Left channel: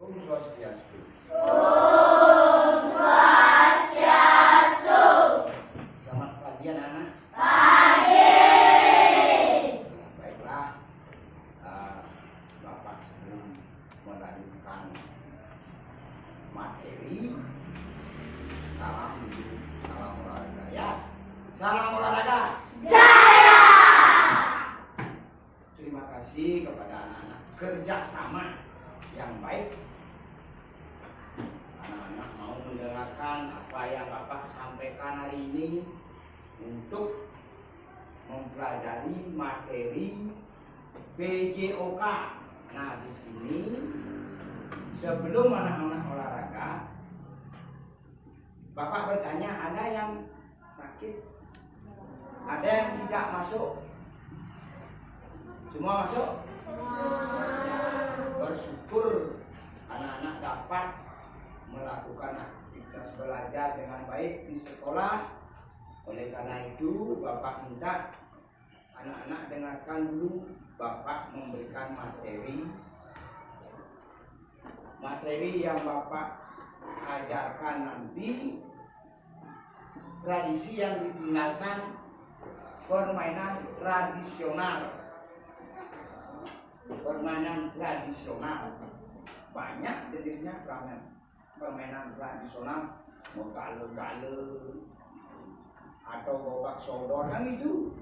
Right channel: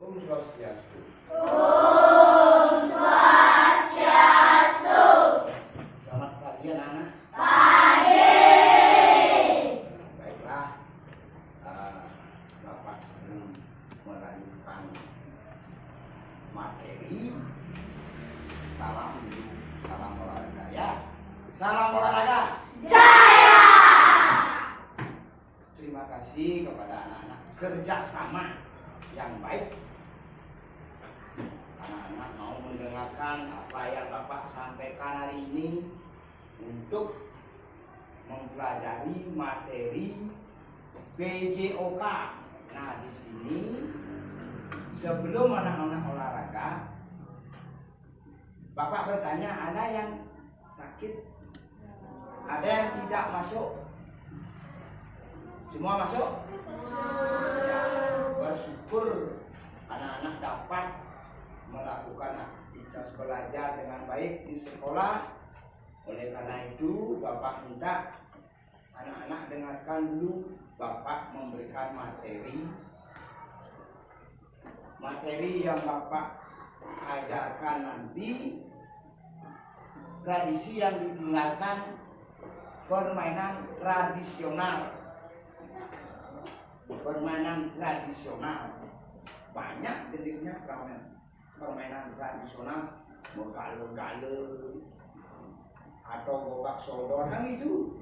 Om Swastiastu. Om Swastiastu. Selamat pagi anak-anak. Pagi. Baiklah, Bapak sebelum melanjutkan materi, salam dulu, salam olahraga ya. Salam olahraga. Jaya. Terima kasih kepada anak-anak kerjasama yang baik. Anak-anak mau mendengarkan apa yang Bapak sampaikan hari ini untuk mempelajari materi PJOK. Nah, di sini sebelum anak-anak olahraga, Bapak bertanya, ada yang sakit? Ada yang tidak masuk? Semua masuk? Ya, bersyukur anak-anak dapat melakukan aktivitas belajar dengan baik di sekolah. Oleh karena itu, Bapak minta anak-anak dengarkan dulu Bapak memberikan materi yang Bapak ajarkan nanti. Tradisi yang ditinggalkan, permainan tradisional. Permainan tradisional banyak jenisnya. Permainan tradisional, gale-gale atau gobak sodor, kan itu.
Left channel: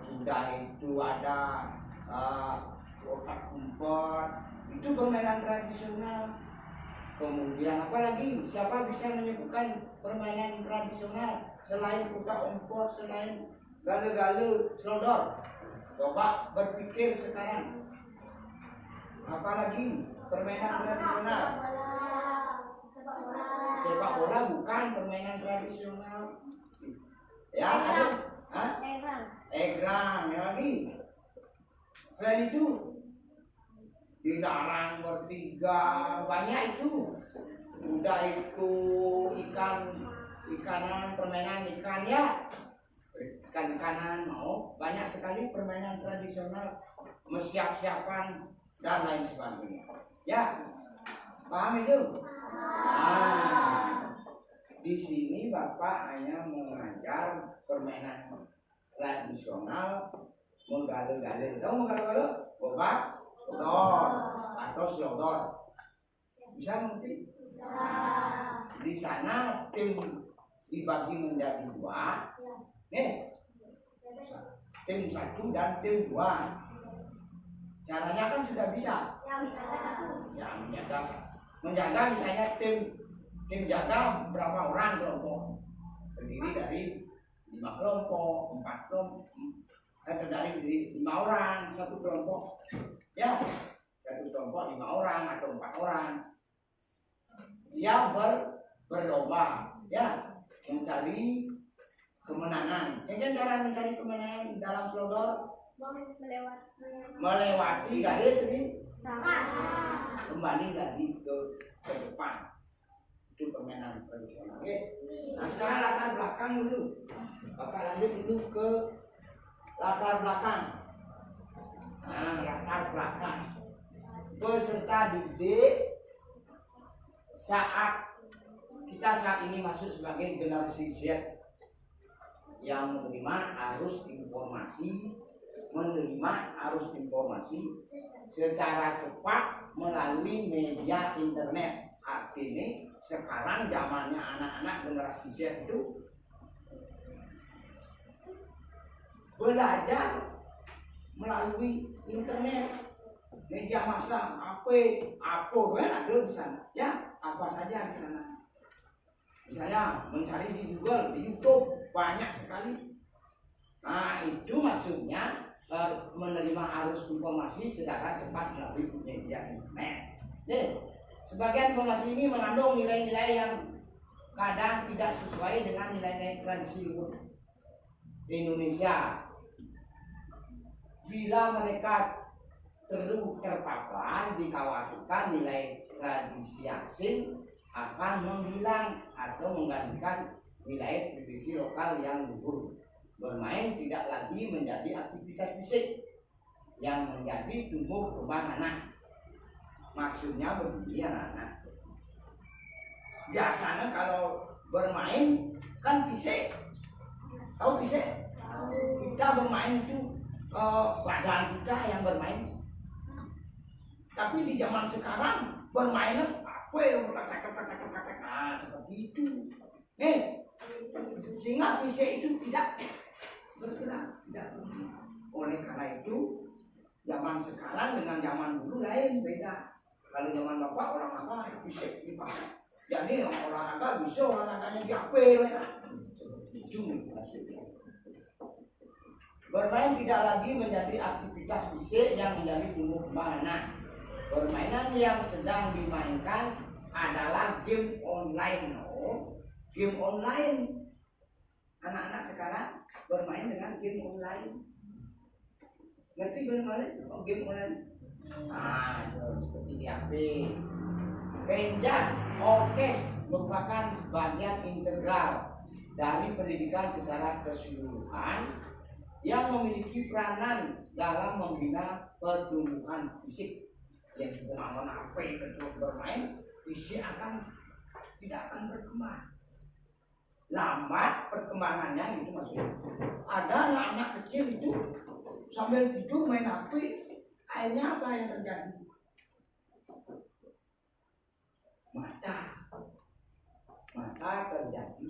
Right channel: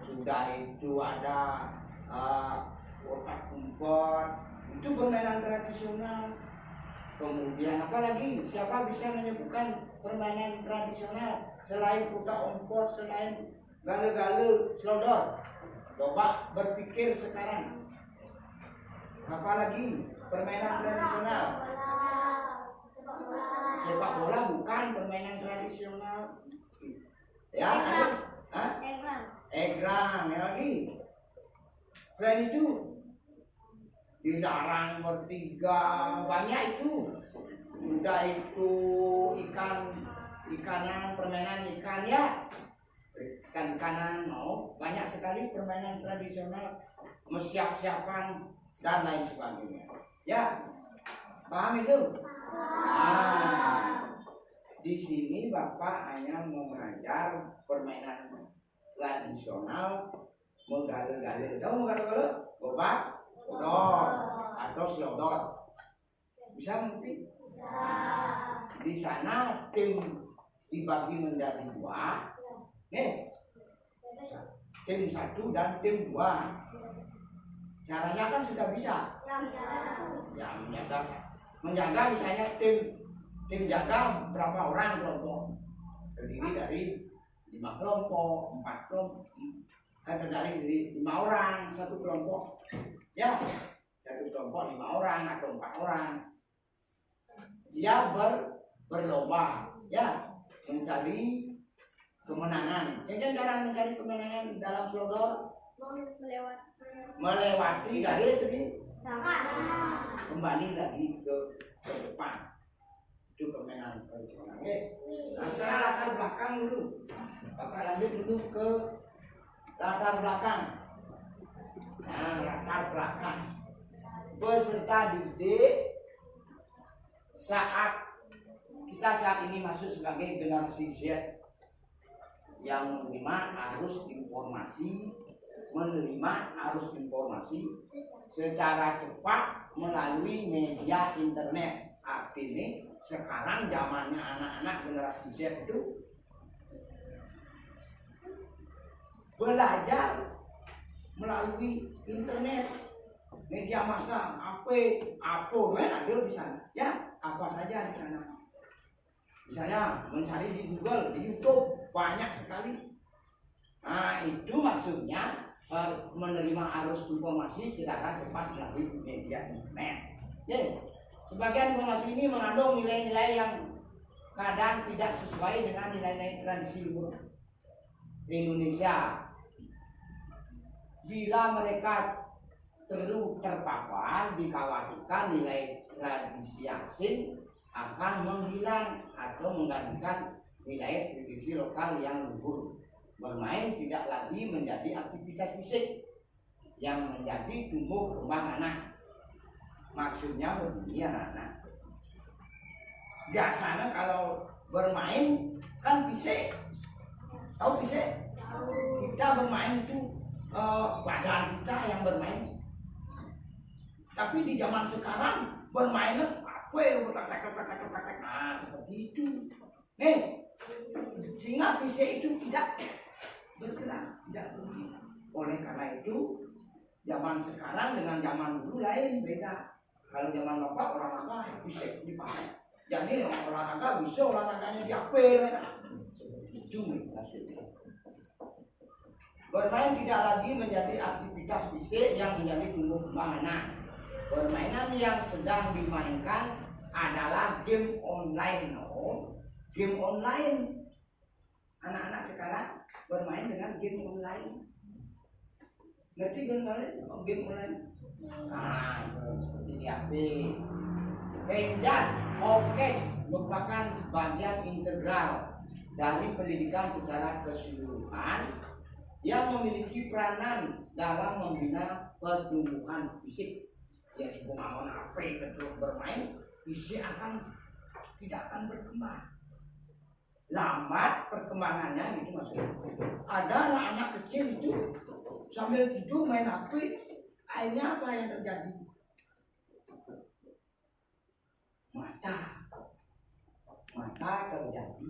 Sudah itu ada otak umpet, itu permainan tradisional. Kemudian apa lagi? Siapa bisa menyebutkan permainan tradisional selain otak umpet, selain gale-gale, selodor? Coba berpikir sekarang. Apalagi permainan tradisional? Sepak bola bukan permainan tradisional. Ya, ada? Egrang. Ya lagi. Selain itu, dilarang bertiga, banyak itu. Udah itu ikanan, permainan ikan ya. Ikan-ikanan mau banyak sekali permainan tradisional, siap-siapan dan lain sebagainya. Ya, paham itu? Di sini Bapak hanya mengajar permainan tradisional, menggale-gale. Tahu menggale-gale? Gobak, sodor, atau selodor. Bisa ngerti? Di sana tim dibagi menjadi dua. Tim 1 dan tim 2. Caranya kan sudah bisa. Ya, menjaga misalnya tim jaga berapa orang kelompok? Terdiri dari 5 kelompok, 4 kelompok, dari 5 orang satu kelompok. Ya, satu kelompok 5 orang atau 4 orang. Dia berlomba, ya, mencari kemenangan. Jadi cara mencari kemenangan dalam selodor, melewati garis ini, kembali lagi ke depan. Itu permainan tradisional. Oke. Nah, sekarang latar belakang dulu. Bapak lanjut dulu ke latar belakang. Nah, latar belakang peserta didik kita saat ini masuk sebagai generasi Z yang menerima arus informasi secara cepat melalui media internet. Artinya sekarang zamannya anak-anak generasi Z itu belajar melalui internet, media massa, apa kan ada di sana. Ya, apa saja di sana. Misalnya mencari di Google, di YouTube, banyak sekali. Nah, itu maksudnya menerima arus informasi secara cepat melalui media internet. Jadi, sebagian informasi ini mengandung nilai-nilai yang kadang tidak sesuai dengan nilai-nilai tradisi Indonesia. Bila mereka terpapar, dikhawatirkan nilai tradisi asing akan menghilang atau menggantikan nilai tradisi lokal yang luhur. Bermain tidak lagi menjadi aktivitas fisik yang menjadi tumbuh kembang anak. Maksudnya begini anak-anak. Biasanya kalau bermain kan fisik. Tahu fisik? Kita bermain itu badan kita yang bermain. Tapi di zaman sekarang bermainnya apa ya? Nah, seperti itu. Sehingga fisik itu tidak bergerak, tidak bergerak. Oleh karena itu zaman sekarang dengan zaman dulu lain, beda. Kalau zaman bapak olahraga fisik dipakai. Jadi olahraga bisa olahraganya diapel ya. Itu maksudnya. Bermain tidak lagi menjadi aktivitas fisik yang menjadi tumbuh kembang anak. Permainan yang sedang dimainkan adalah game online. Game online. Anak-anak sekarang bermain dengan game online. Ngerti game online? Game online. Nah, seperti di HP. Penjas orkes merupakan bagian integral dari pendidikan secara keseluruhan yang memiliki peranan dalam membina pertumbuhan fisik. Yang sudah aman HP terus bermain, fisik tidak akan berkembang. Lambat perkembangannya itu maksudnya. Ada anak-anak kecil itu sambil tidur main HP, akhirnya apa yang terjadi? Mata terjadi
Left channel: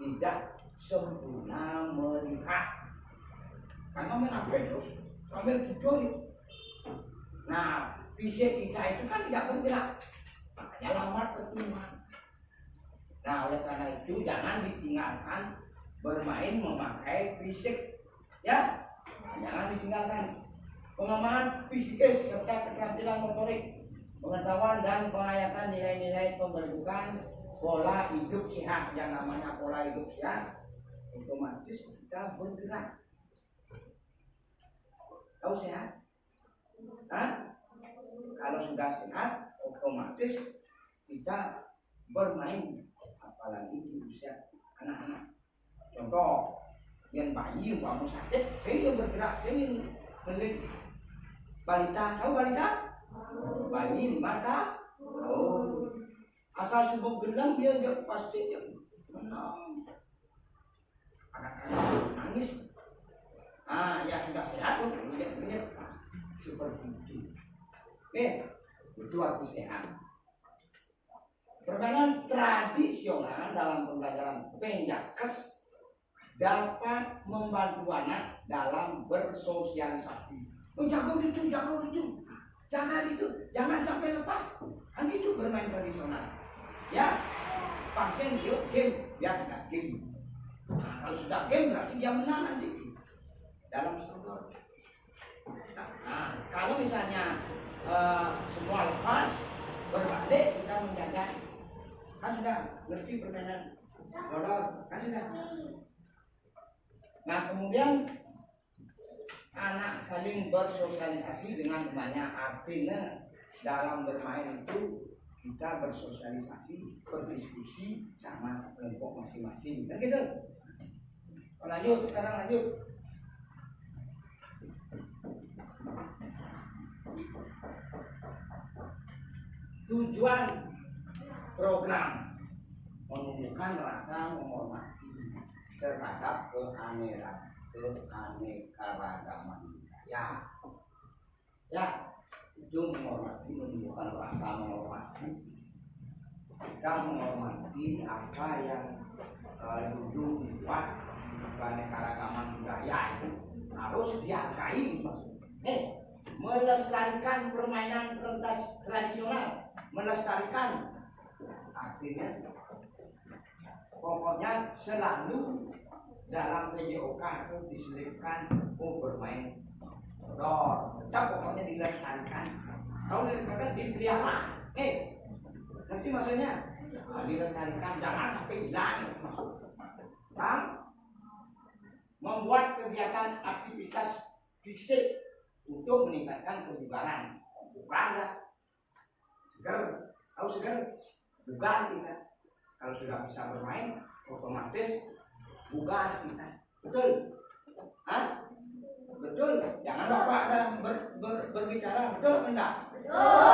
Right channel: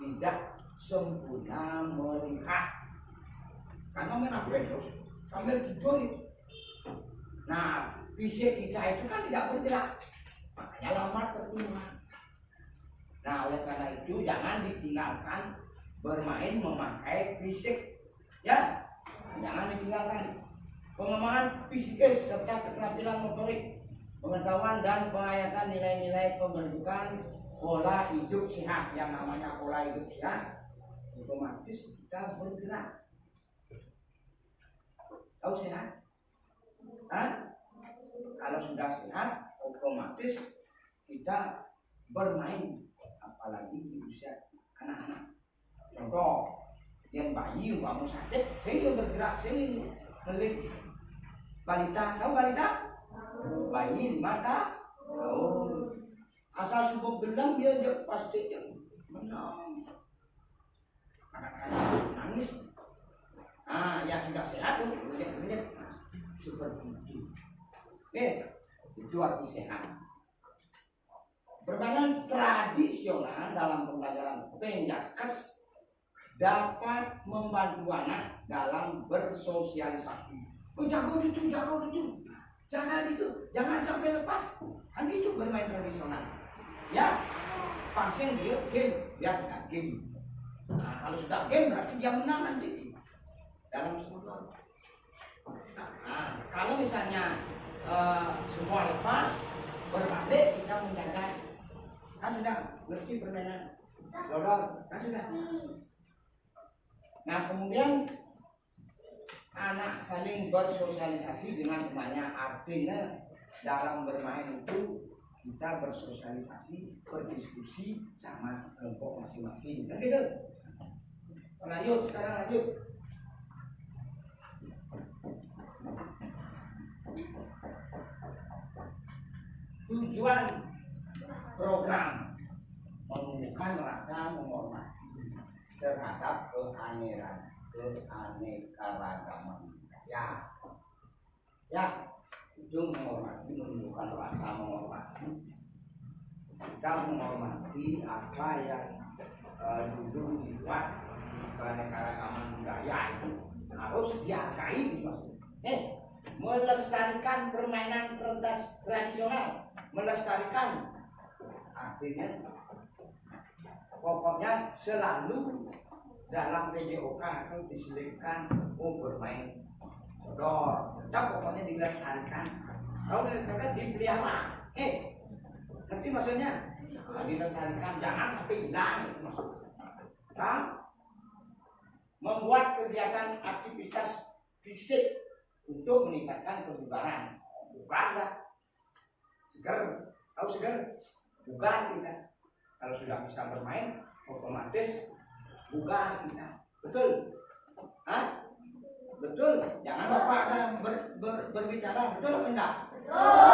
tidak sempurna melihat karena main HP terus sambil tidur. Nah, fisik kita itu kan tidak bergerak, makanya lambat pertumbuhan. Nah, oleh karena itu jangan ditinggalkan bermain memakai fisik, ya, jangan ditinggalkan. Pengembangan fisikis serta keterampilan motorik, pengetahuan dan penghayatan nilai-nilai pembentukan pola hidup sehat. Yang namanya pola hidup sehat otomatis kita bergerak. Tahu sehat? Kalau sudah sehat otomatis kita bermain, apalagi di usia anak-anak. Contoh, yang bayi umpama sakit, saya bergerak, saya melik. Balita, tahu balita? Bayi 5 tahun. Asal subuh gelang dia pasti menang. Kadang-kadang nangis. Ya sudah sehat tuh, lihat seperti itu. Itu arti sehat. Permainan tradisional dalam pembelajaran penjaskes dapat membantu anak dalam bersosialisasi. Jaga itu, jangan sampai lepas. Kan itu bermain tradisional. Ya, pasien dia game, dia tidak game. Nah, kalau sudah game berarti dia menang nanti dalam struktur. Nah, kalau misalnya semua lepas, berbalik kita menjaga. Kan sudah ngerti permainan dodol, kan sudah. Nah, kemudian anak saling bersosialisasi dengan temannya. Artinya dalam bermain itu kita bersosialisasi, berdiskusi sama kelompok masing-masing. Dan gitu. Lanjut, sekarang lanjut. Tujuan program menumbuhkan rasa menghormati terhadap keanekaragaman budaya. Ya, itu menumbuhkan rasa menghormati. Kita menghormati apa yang dulu sifat keanekaragaman budaya itu harus dihargai. Melestarikan permainan tradisional, melestarikan artinya pokoknya selalu dalam PJOK itu diselipkan bermain dodol, tetap pokoknya dilestarikan. Kalau dilestarikan dipelihara, ngerti maksudnya? Dilestarikan, jangan sampai hilang. Membuat kegiatan aktivitas fisik untuk meningkatkan kebugaran. Bukan enggak? Segar, tahu segar? Bugar kita. Kalau sudah bisa bermain, otomatis bugar kita. Betul? Betul? Jangan lupa berbicara. Betul atau enggak? Betul.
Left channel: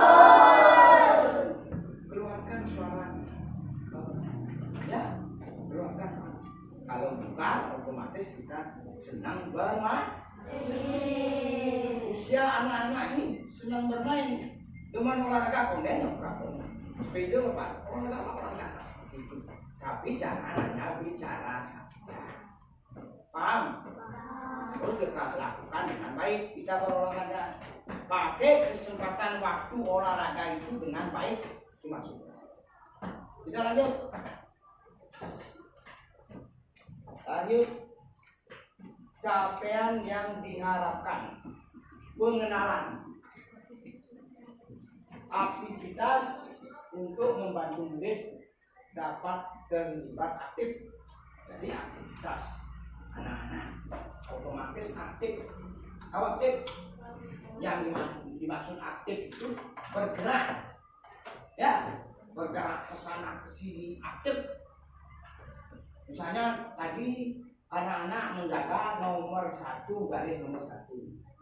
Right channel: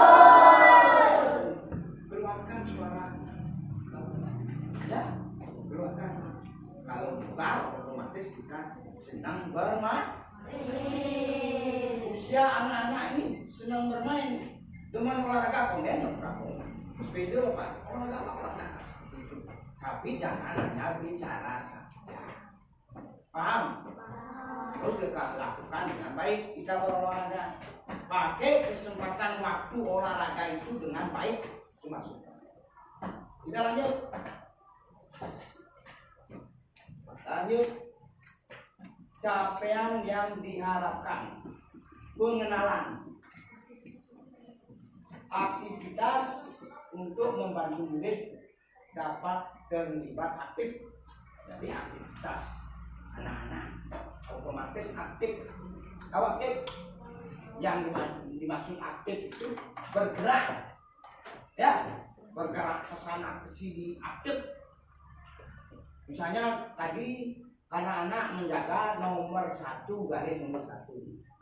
membesar, otomatis kita senang bermain. Usia anak-anak ini senang bermain dengan olahraga kondennya berapa sepeda pak olahraga seperti itu. Tapi jangan hanya bicara saja, paham? Terus kita lakukan dengan baik. Kita berolahraga, pakai kesempatan waktu olahraga itu dengan baik, itu maksudnya. Kita lanjut. Capaian yang diharapkan. Pengenalan aktivitas untuk membantu murid dapat terlibat aktif. Jadi aktivitas anak-anak otomatis aktif. Kalau aktif, yang dimaksud aktif itu bergerak, ya, bergerak ke sana ke sini, aktif. Misalnya tadi anak-anak menjaga nomor 1, garis nomor 1,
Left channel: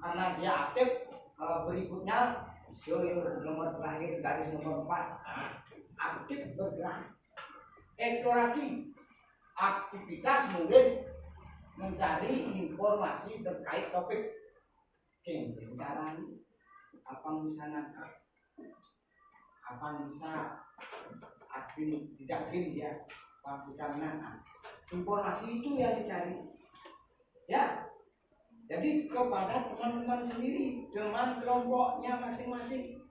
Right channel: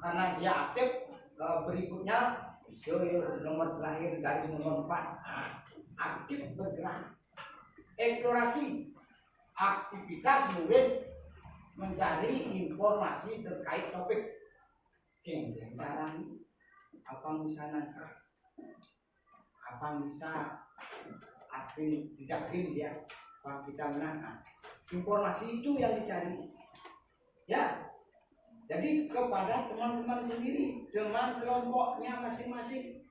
karena dia aktif. Berikutnya nomor terakhir garis nomor 4, aktif bergerak. Eksplorasi aktivitas murid mencari informasi terkait topik. Cara apa bisa nangkap, apa bisa aktif tidak dia, apa kita menangkap. Informasi itu yang dicari, ya. Jadi kepada teman-teman sendiri dengan kelompoknya masing-masing.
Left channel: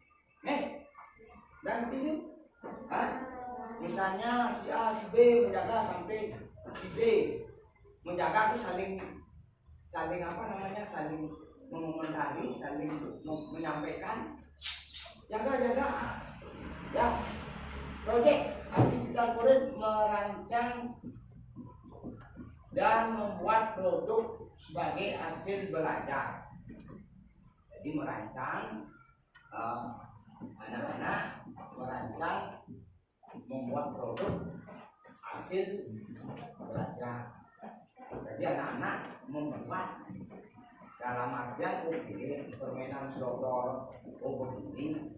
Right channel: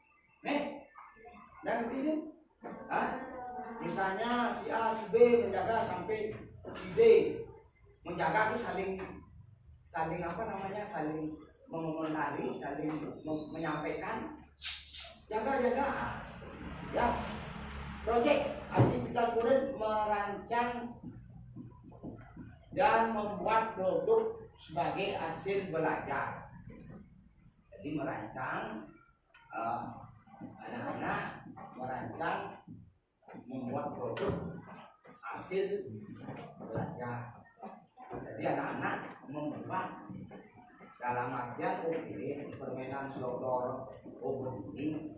Dan itu, misalnya si A, si B menjaga sampai si D. Menjaga itu saling apa namanya, saling mengomentari, saling menyampaikan. Jaga, ya. Proyek aktivitas murid merancang dan membuat produk sebagai hasil belajar. Jadi merancang, anak-anak merancang membuat produk hasil belajar. Jadi anak-anak membuat dalam artian begini, permainan sodor, begini,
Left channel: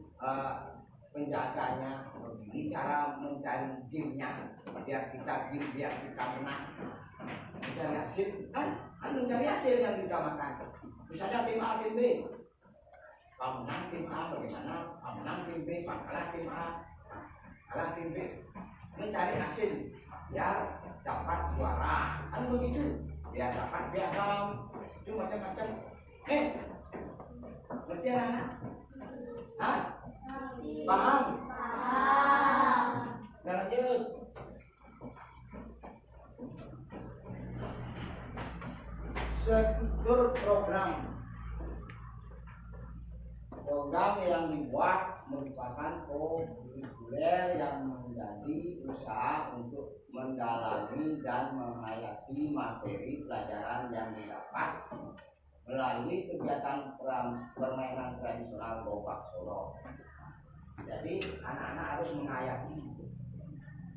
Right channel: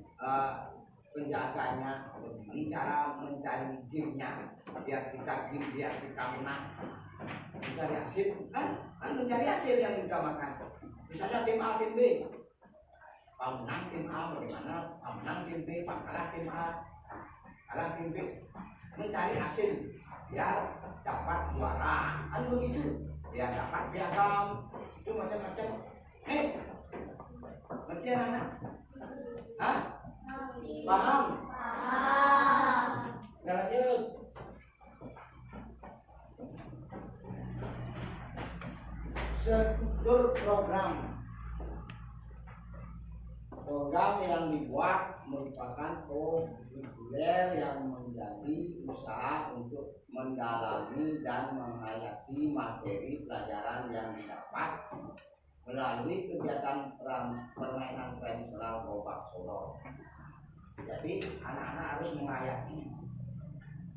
penjaganya, begini cara mencari gamenya, biar kita menang. Mencari hasil, kan mencari hasil yang diutamakan. Misalnya tim A, tim B, pemenang tim A bagaimana, pemenang tim B, kalah tim A, kalah tim B. Mencari hasil biar dapat juara, kan begitu. Biar dapat piagam, itu macam-macam. Ngerti anak-anak? Paham? Nah, lanjut. Struktur program yang dibuat merupakan kurikuler yang menjadi usaha untuk mendalami dan menghayati materi pelajaran yang didapat melalui kegiatan permainan tradisional Gobak Solo. Jadi anak-anak harus menghayati,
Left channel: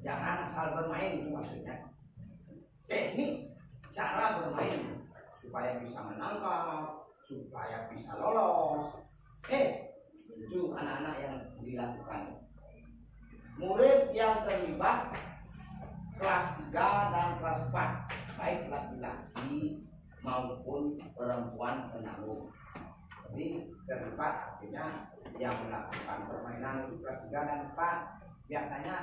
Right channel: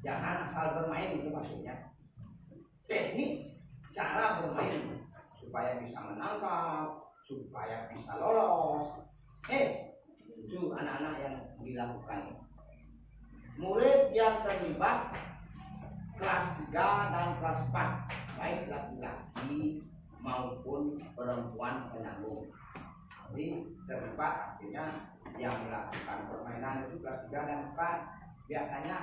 jangan asal bermain, itu maksudnya. Teknik cara bermain supaya bisa menangkap, supaya bisa lolos. Itu anak-anak yang dilakukan. Murid yang terlibat kelas 3 dan kelas 4, baik laki-laki maupun perempuan penanggung. Jadi terlibat artinya yang melakukan permainan itu kelas 3 dan 4. Biasanya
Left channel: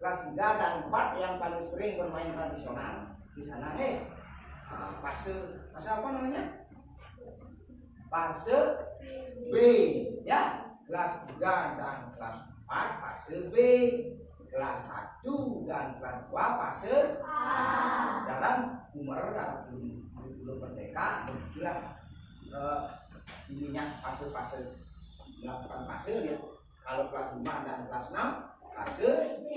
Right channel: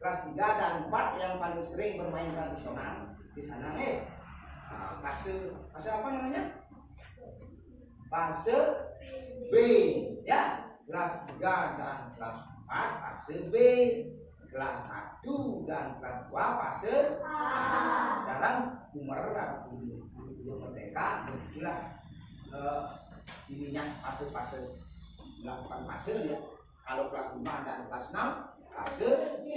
kelas 3 dan 4 yang paling sering bermain tradisional. Di sana fase apa namanya? Fase B, ya. Kelas 3 dan kelas 4 fase B. Kelas 1 dan kelas 2 fase A. Dalam umur belum merdeka, begitulah ininya fase-fase, melakukan fase ya. Kalau kelas 5 dan kelas 6 fase C.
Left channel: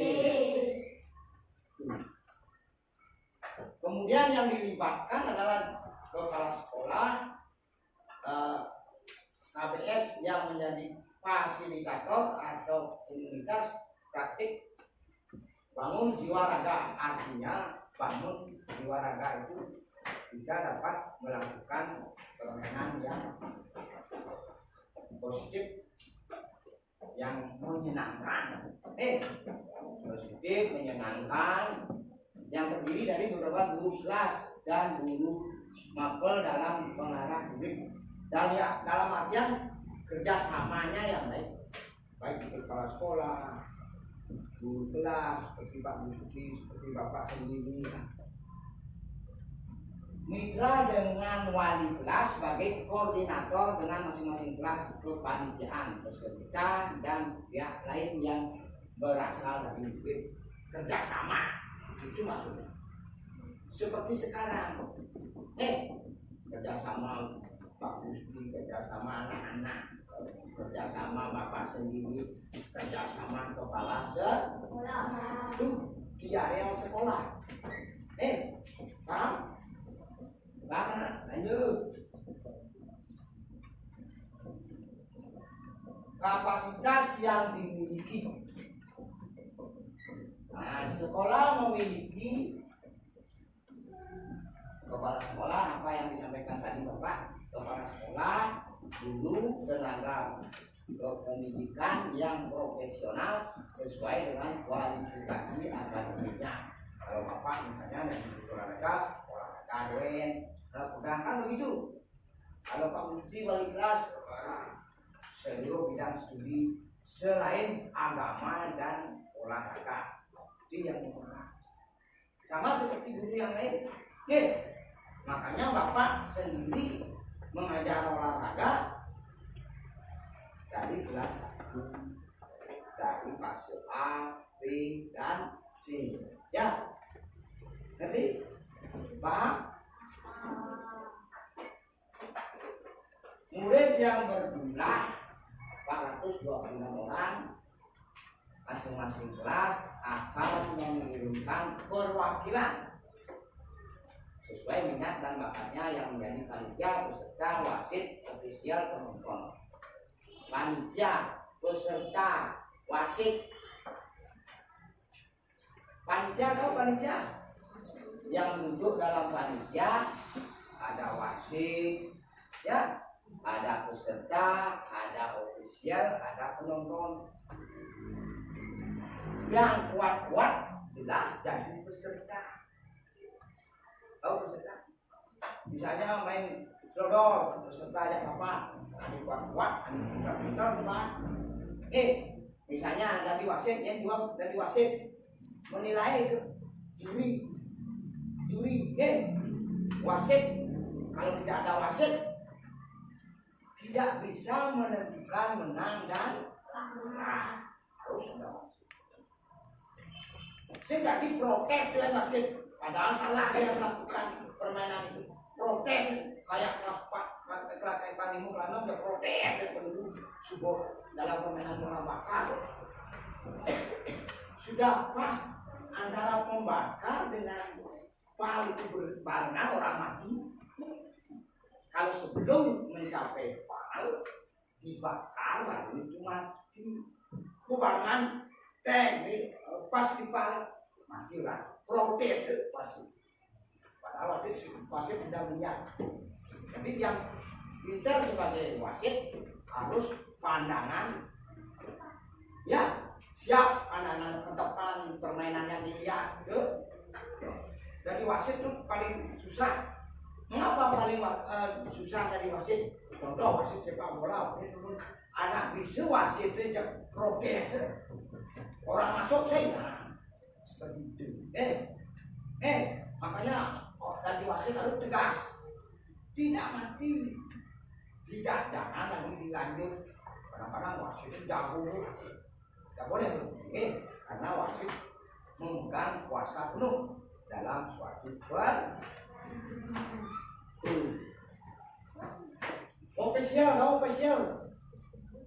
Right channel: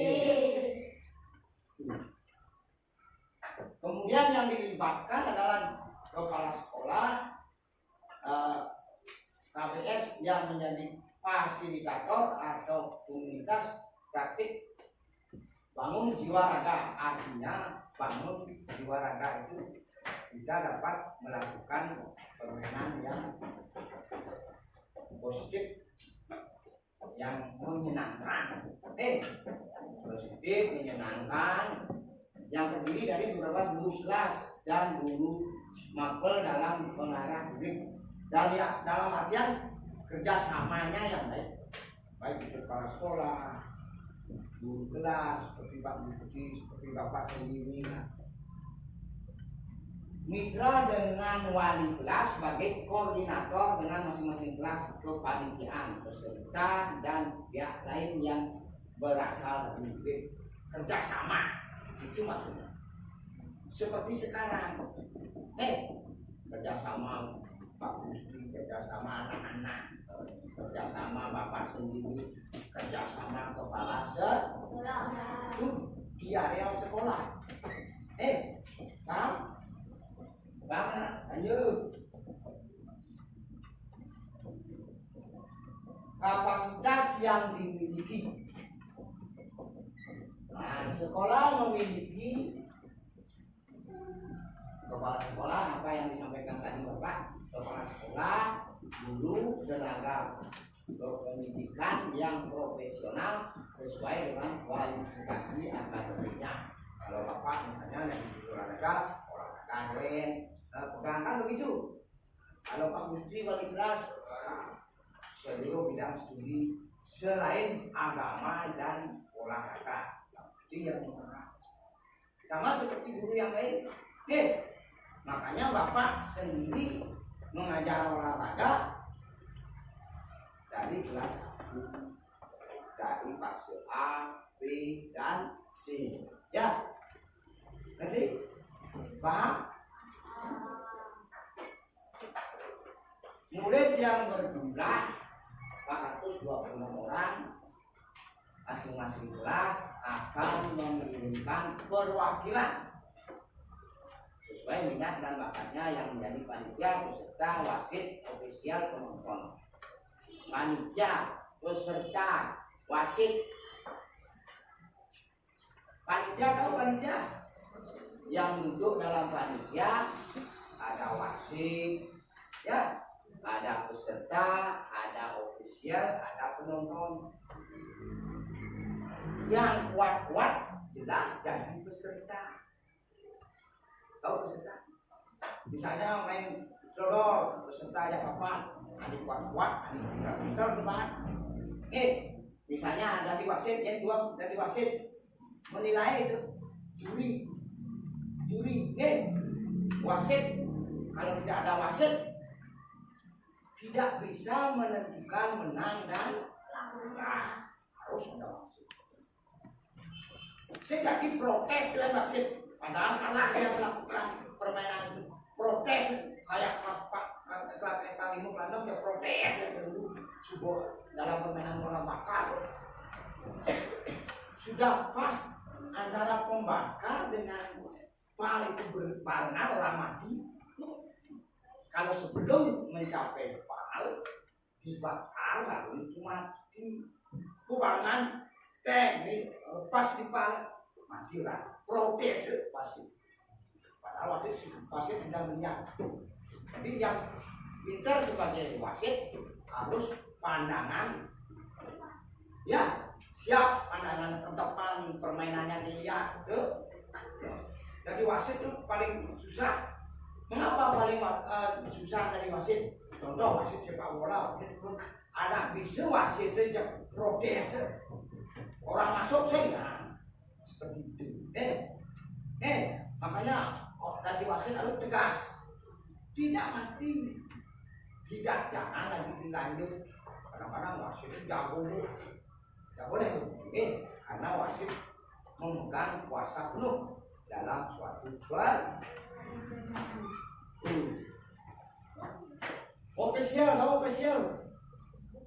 Kemudian yang dilibatkan adalah kepala sekolah, KBS yang menjadi fasilitator atau komunitas praktik bangun jiwa raga. Artinya bangun jiwa raga itu kita dapat melakukan permainan yang positif, yang menyenangkan, positif, menyenangkan, yang terdiri dari beberapa guru kelas dan guru mapel dalam pengarah didik. Dalam artian kerjasamanya yang baik itu kepala sekolah, guru kelas, seperti Pak Gusti, seperti Bapak sendiri. Mitra dengan wali kelas sebagai koordinator dengan masing-masing kelas kepanitiaan, peserta dan pihak lain yang berasal dari UB. Kerjasama, itu maksudnya. Seperti sekarang, kerjasama Pak Gusti, kerjasama anak-anak, kerjasama Bapak sendiri, kerjasama kepala sekolah, itu di area sekolah. Paham? Paham? Lanjut. Kapasitas yang dimiliki. Nah, sekolah memiliki kepala sekolah, apa yang disampaikan tadi Bapak, kepala sekolah, guru, tenaga pendidikan yang profesional sesuai dengan kualifikasi akademiknya. Kalau Bapak misalnya yang di olahraga doen, pegang kan begitu. Kalau Pak Gusti wali kelas, seluruh bidang studi selain agama dan olahraga, Pak Gusti yang mengarah. Sama seperti guru yang lain. Makanya Bapak sendiri mengajar olahraga dari kelas 1, dari fase A, B, dan C. Ya, ngerti? Paham? Murid yang berjumlah 426 orang, masing-masing kelas akan mengirimkan perwakilan sesuai minat dan bakatnya yang menjadi panitia, peserta, wasit, ofisial, penonton. Panitia, peserta, wasit. Panitia tahu panitia? Yang duduk dalam panitia ada wasit, ya, ada peserta, ada ofisial, ada penonton. Yang kuat-kuat jelas jadi peserta. Tahu peserta? Misalnya main lodor, peserta aja papan, ada kuat-kuat, ada pintar-pintar gimana? Misalnya dari wasit, yang dua dari wasit menilai itu juri, wasit. Kalau tidak ada wasit, tidak bisa menentukan menang dan kalah. Harus ada wasit. Saya jadi protes dengan wasit, padahal salah dia melakukan permainan itu. Protes, kayak klub yang paling muklamam dia protes dia perlu subuh dalam permainan bola bakar. Sudah pas antara pembakar dengan pal itu berbarengan orang mati. Kalau sebelum mencapai pal dibakar lalu itu mati. Barengan teknik pas di pal mati lah. Protes pasti. Padahal wasit tidak melihat. Jadi yang pintar sebagai wasit harus pandangan, ya, siap pandangan ke depan, permainannya dilihat. Jadi wasit itu paling susah. Mengapa paling susah dari wasit? Contoh wasit sepak bola, ada bisu wasit itu protes. Orang masuk saya seperti itu. Makanya dari wasit harus tegas. Tidak mati. Tidak, jangan lagi dilanjut. Kadang-kadang wasit itu jago. Tidak boleh. Karena wasit memegang kuasa penuh dalam suatu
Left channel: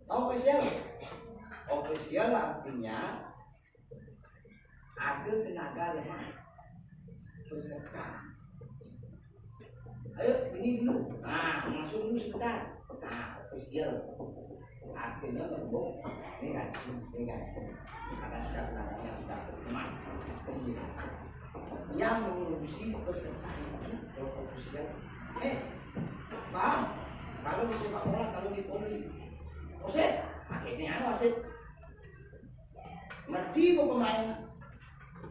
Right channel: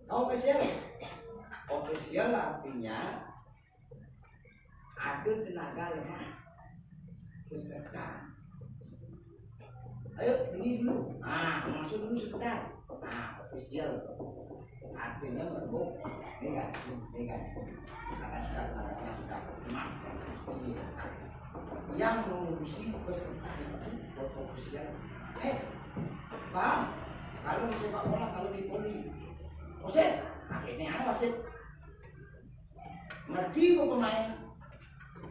ofisial. Ofisial artinya ada tenaga lemah peserta. Ayo ini dulu. Masuk dulu sebentar. Ofisial artinya berbuk. Ini kan. Karena sudah tenaganya sudah lemah. Yang mengurusi peserta itu ofisial. Paham? Kalau di sepak bola, kalau di poli, wasit, akhirnya wasit ngerti kok pemain,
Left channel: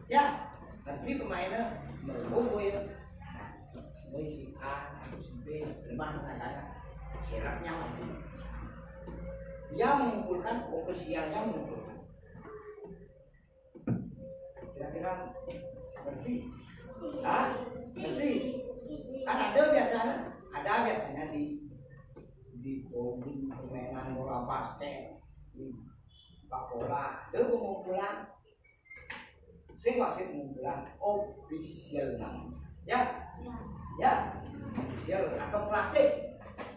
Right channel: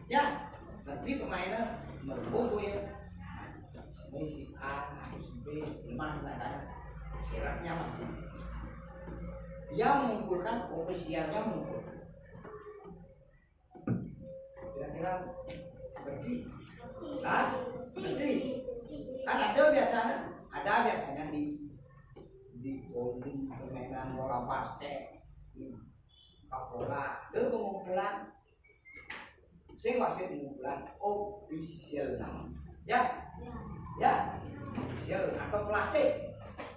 ya, Tapi pemainnya merumpuk ya. Ini si A, si B, lemah kadang-kadang sirapnya maju. Dia mengumpulkan ofisialnya mengumpulkan. Kira-kira berarti, berarti kan ada biasanya di poli permainan bola basket, di sepak bola, ada pengumpulan. Sing wasit pengumpulan official nama, ya, official atau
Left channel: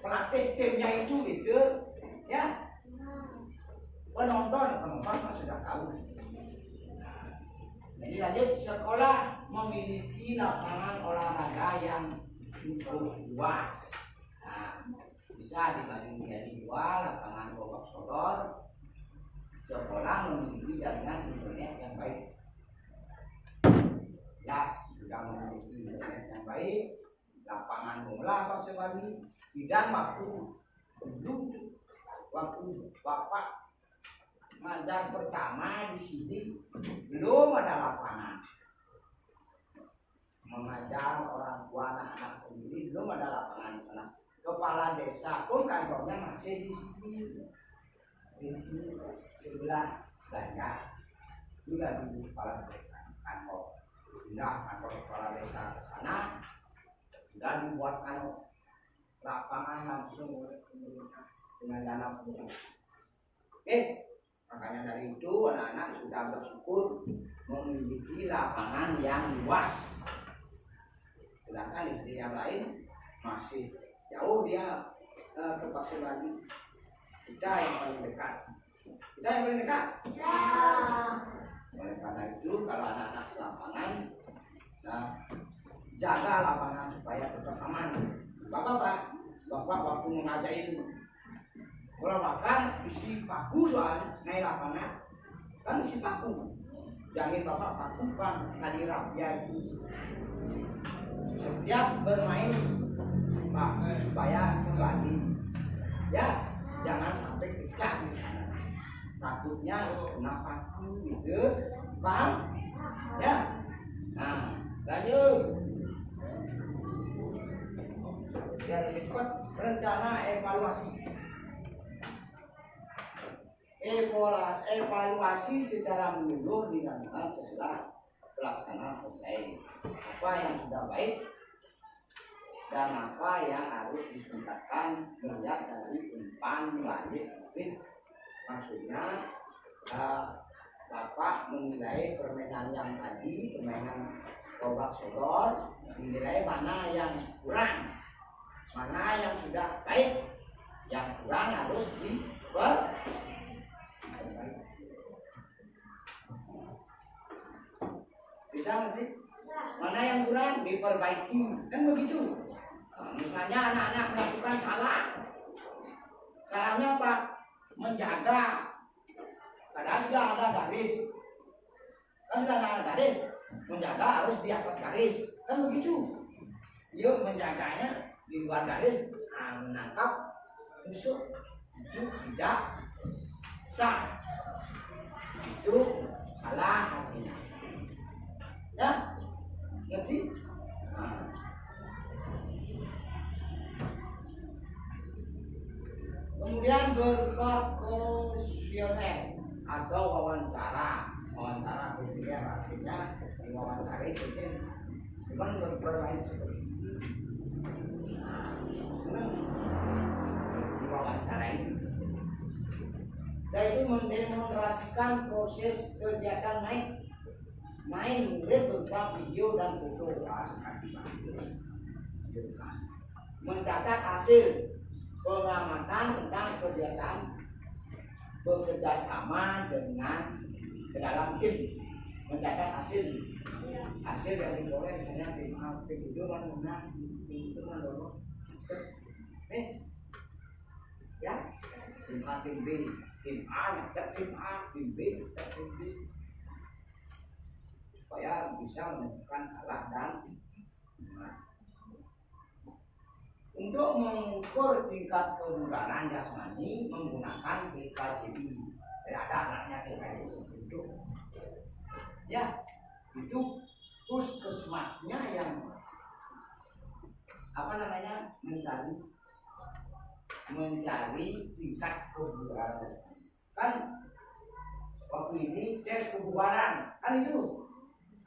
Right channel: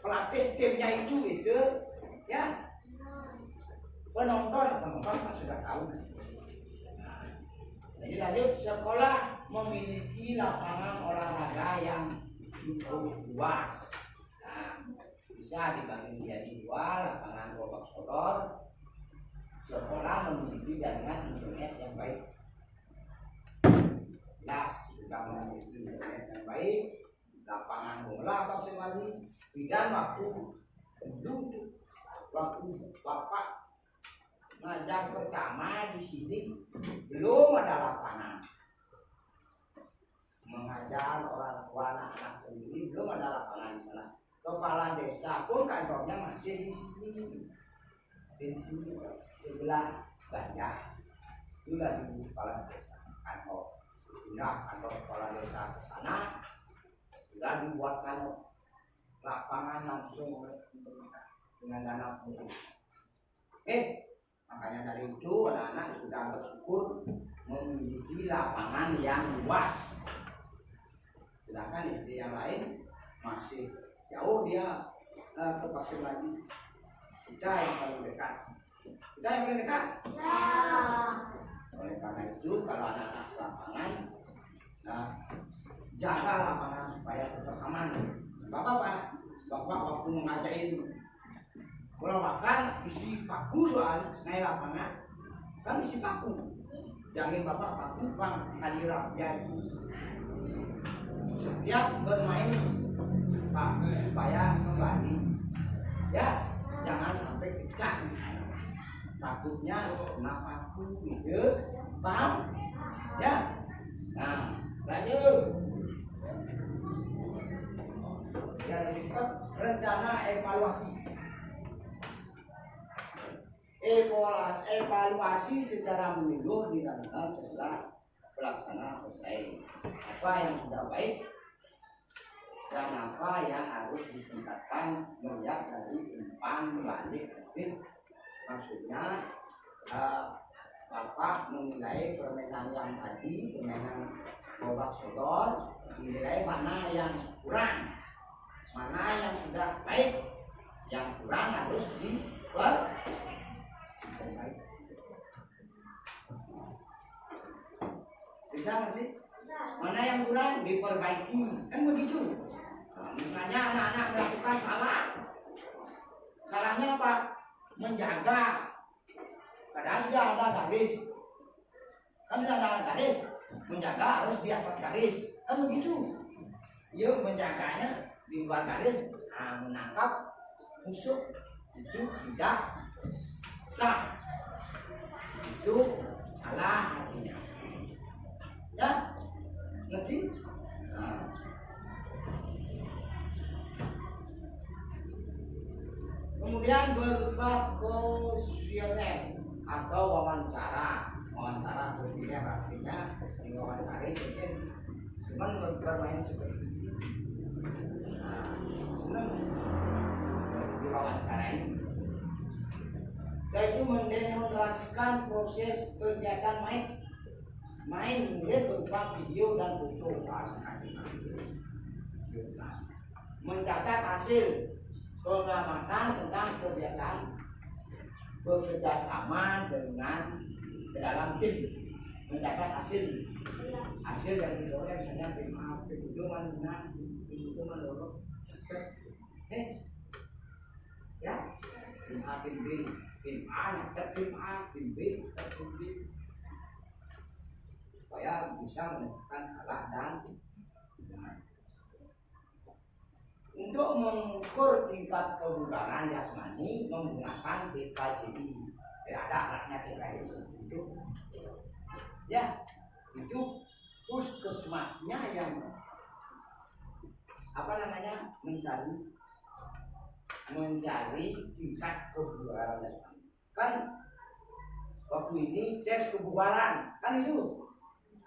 pelatih timnya itu ya. Penonton kan sudah tahu. Jadi lanjut, sekolah memiliki lapangan olahraga yang cukup luas. Nah, bisa dibagi menjadi 2 lapangan bola sodor. Sekolah memiliki jaringan internet yang baik. Sudah memiliki internet yang baik. Lapangan bola maksud lagi. Dan waktu Bapak ngajar pertama di sini belum ada lapangan. Mengajar orang tua anak-anak sendiri belum ada lapangan di sana. Kepala desa pun kantornya masih di sini. Di sini sebelah banyak. Juga di kepala desa kantor. Pindah kantor kepala desa ke sana. Sudah dibuatkan lapangan langsung oleh pemerintah dengan dana pemerintah. Makanya dari itu anak-anak sudah bersyukur memiliki lapangan yang luas. Sedangkan di sisi yang lain masih jauh dia terpaksa lagi. Kita yang paling dekat. Oleh karena itu kalau anak-anak lapangan, jaga lapangan supaya tetap aman. Bapak waktu mengajarin bola bakar isi paku soal naik lapangan kan isi paku. Jangan bapak paku bang ngadiram ya itu. Setiap bermain paku supaya kembali. Ya, jangan sampai pecah di sana. Takutnya kena paku gitu, paham? Ya. Nah, lanjut. Yang cepat rencana evaluasi. Evaluasi secara menyeluruh dilakukan setelah pelaksanaan selesai. Apa yang sudah baik dan apa yang harus ditingkatkan melihat dari umpan balik titik. Maksudnya Bapak menilai permainan yang tadi, permainan robak sodor, menilai mana yang kurang, mana yang sudah baik, yang kurang harus diperbaiki. Bisa nanti? Mana yang kurang diperbaiki, kan begitu. Misalnya anak-anak melakukan salahnya apa? Menjaga, padahal sudah ada garis, menjaga harus di atas garis, kan begitu. Yuk menjaganya di luar garis, menangkap musuh itu tidak sah, itu salah artinya. Ya, ngerti? Kemudian berupa kuesioner atau wawancara kuesioner artinya diwawancari mungkin cuman bermain seperti itu. Senang diwawancarain. Yaitu mendemonstrasikan proses kegiatan main murid berupa video dan foto, mencatat hasil pengamatan tentang kebiasaan bekerja sama dengan ke dalam tim, mencatat hasil yang diperoleh, misalnya tim A, tim itu menang, tim itu mendorong, ya, tim A, tim B, tim A nyatet tim A, tim B nyatet tim B, supaya bisa menentukan kalah dan menang. Untuk mengukur tingkat kebugaran jasmani menggunakan TKJI. Ada alatnya TKJI untuk ya itu puskesmasnya yang apa namanya mencari tingkat kebugaran. Kan waktu ini tes kebugaran kan itu.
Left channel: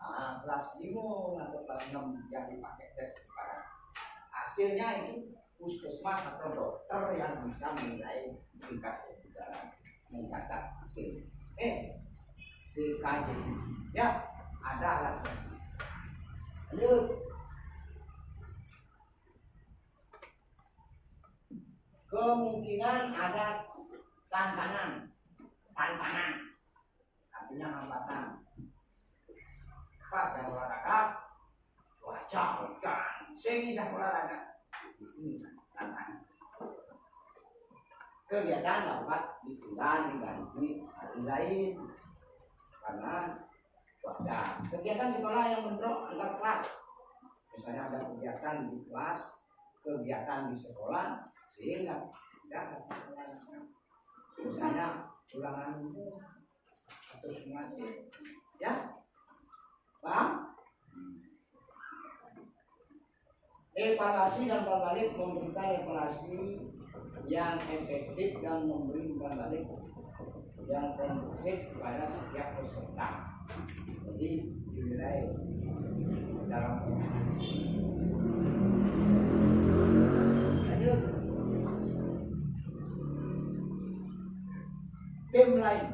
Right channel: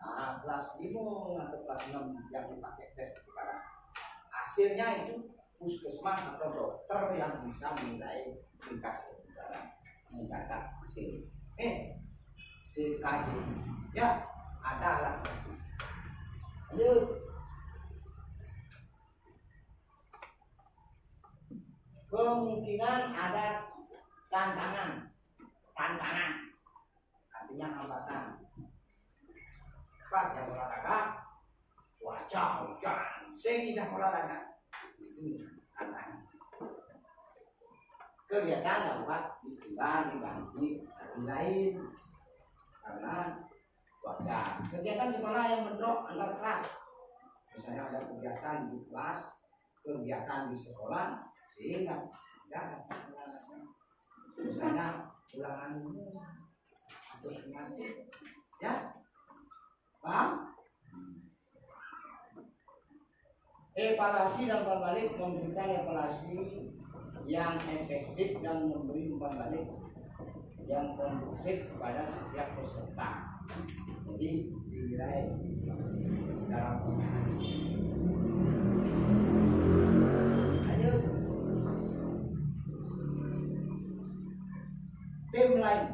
Nah, kelas 5 atau kelas 6 yang dipakai tes kebugaran. Hasilnya itu puskesmas atau dokter yang bisa menilai tingkat kebugaran, mencatat hasil. DKJ ya ada alat. Lanjut. Kemungkinan ada tantangan artinya hambatan. Pas yang olahraga cuaca hujan sehingga olahraga ini tantangan. Kegiatan dapat ditunda diganti hari lain karena cuaca. Kegiatan sekolah yang bentrok antar kelas, misalnya ada kegiatan di kelas, kegiatan di sekolah, sehingga tidak dapat olahraga. Misalnya ulangan umum atau sumatif, ya, paham? Evaluasi dan berbalik memberikan evaluasi yang efektif dan memberi umpan balik yang kondusif kepada setiap peserta. Jadi dinilai dalam permainan. Lanjut. Tim lain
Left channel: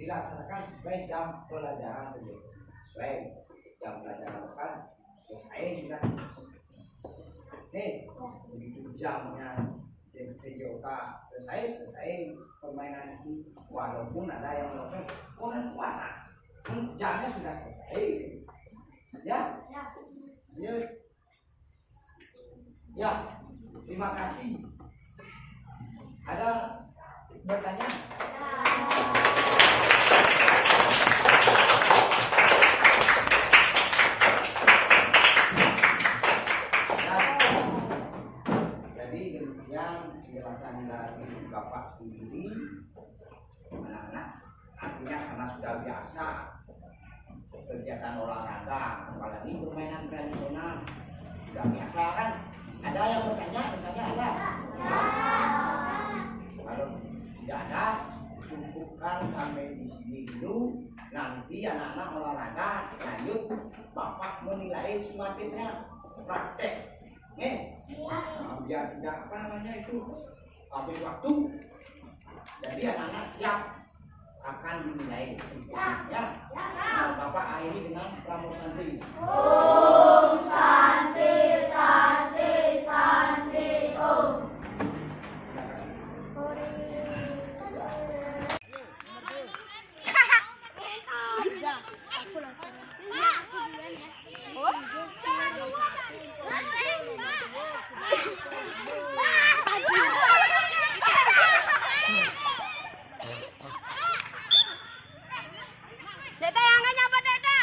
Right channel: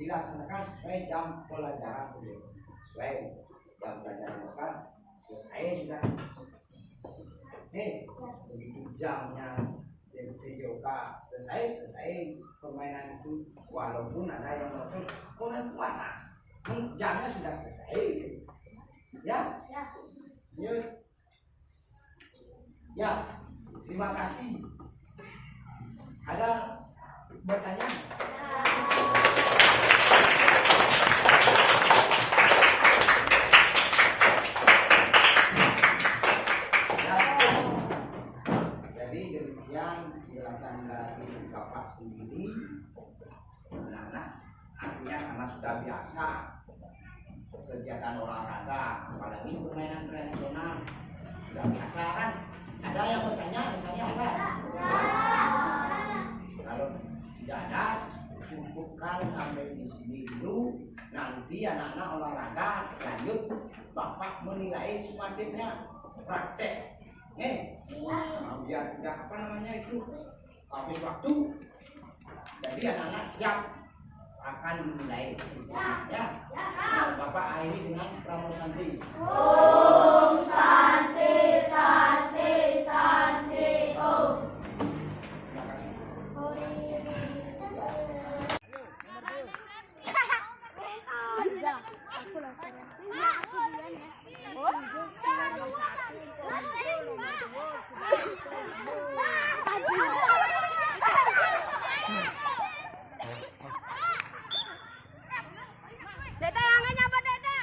dilaksanakan sesuai jam pelajaran sesuai jam pelajaran kan selesai sudah. Begitu jamnya TJK selesai permainan itu, walaupun ada yang menonton orang puasa, jamnya sudah selesai, ya. Ya, terima kasih. Ada bertanya? Penjelasan dari Bapak sendiri, anak-anak artinya karena sudah biasa kegiatan olahraga, apalagi permainan tradisional sudah biasa kan. Ada yang bertanya, misalnya ada? Kalau tidak ada, cukupkan sampai di sini dulu. Nanti anak-anak olahraga lanjut, Bapak menilai semakinnya praktek. Biar tidak apa namanya itu habis waktu, jadi anak-anak siap akan dinilai ya. Bapak akhiri dengan Pramo Santi. Om Santi Santi Santi Om. Deta yang nggak nyapa Deta.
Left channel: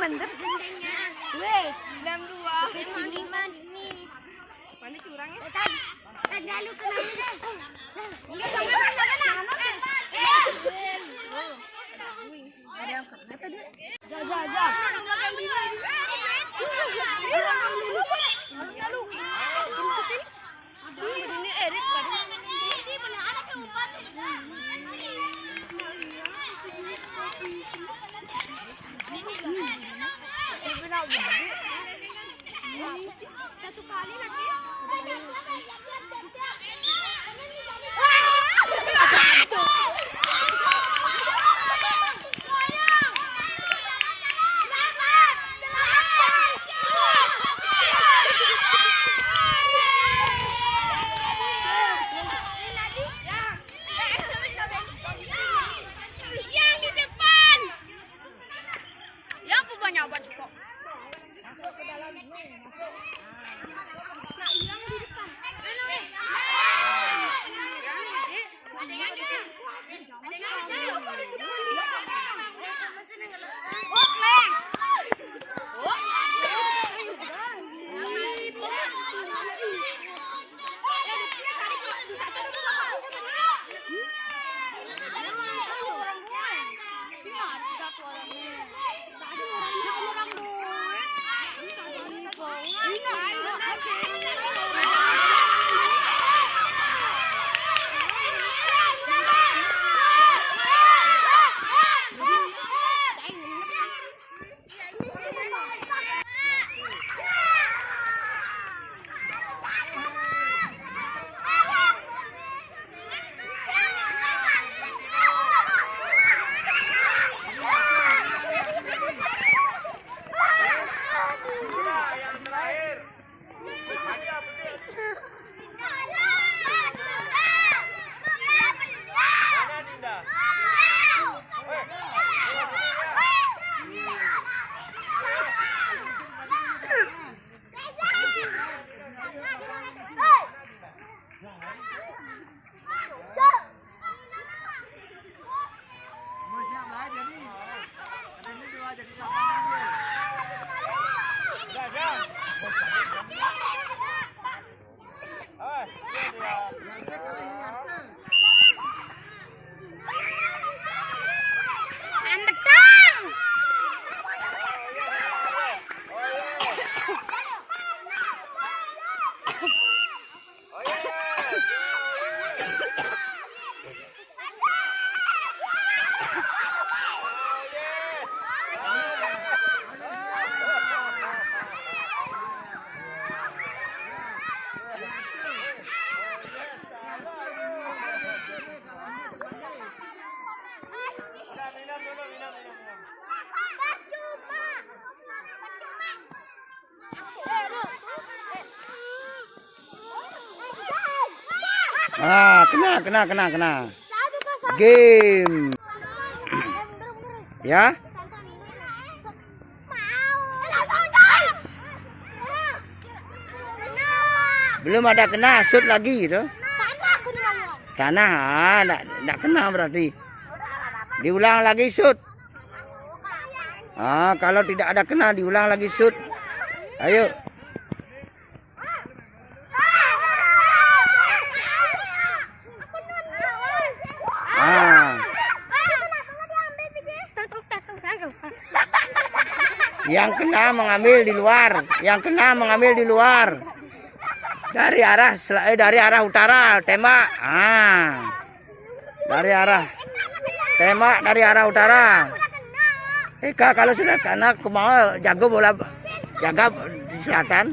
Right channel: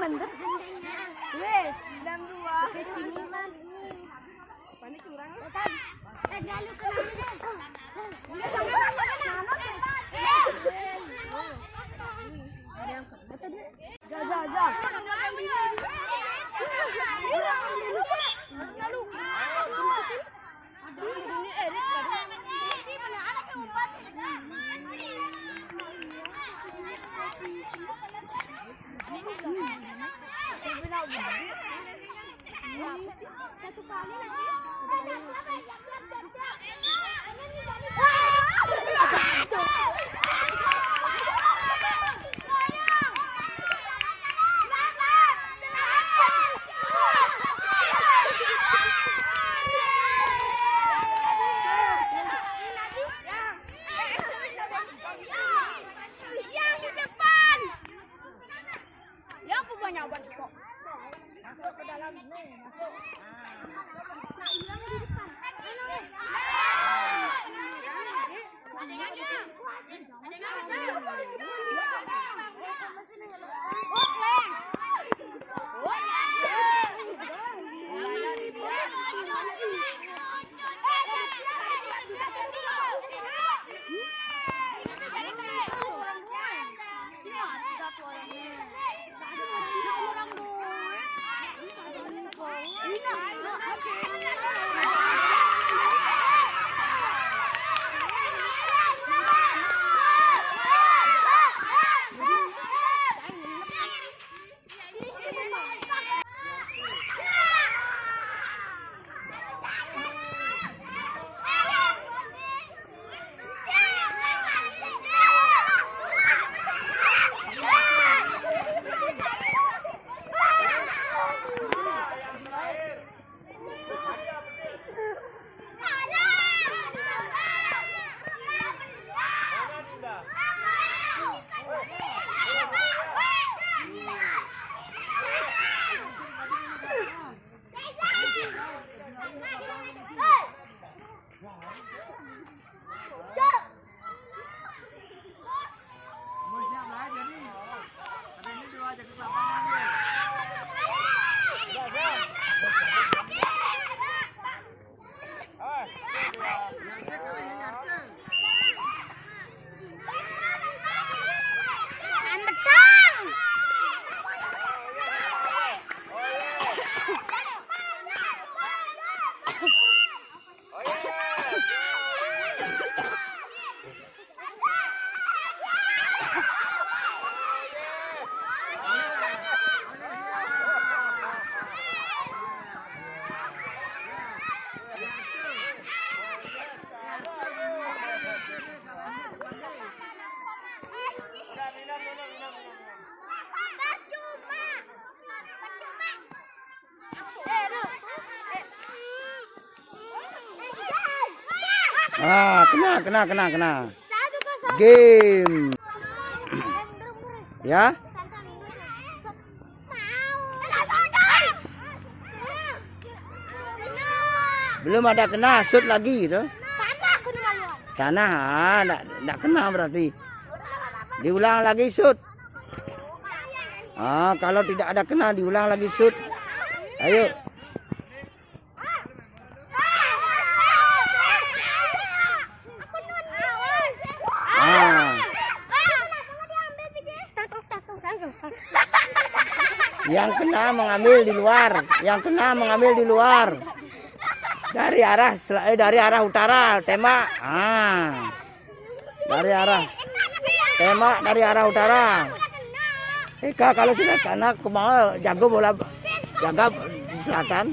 Mendep. Weh, bilang dua. Ke sini man ini. Mana curang ya? Lalu kena. Enggak jangan. Ja. Lalu. Ini Erik tadi. Satu kali lagi. banyak buat kok. Masuk ke dalam nih, masuk. Nah, ulang di depan. Ah, kena. Game. Ya. Belum ada kena, shoot lagi gitu. Tanah, enggak kena berarti. Diulang lagi shoot. Ah, kalau tidak ada kena diulang lagi shoot. Ayo. Ah. Yang kena mengambil di luar. Dari arah utara tembak. Ah. Dari arah utara. Eka kalau sudah kena mau jaga bola, jaga di selatan.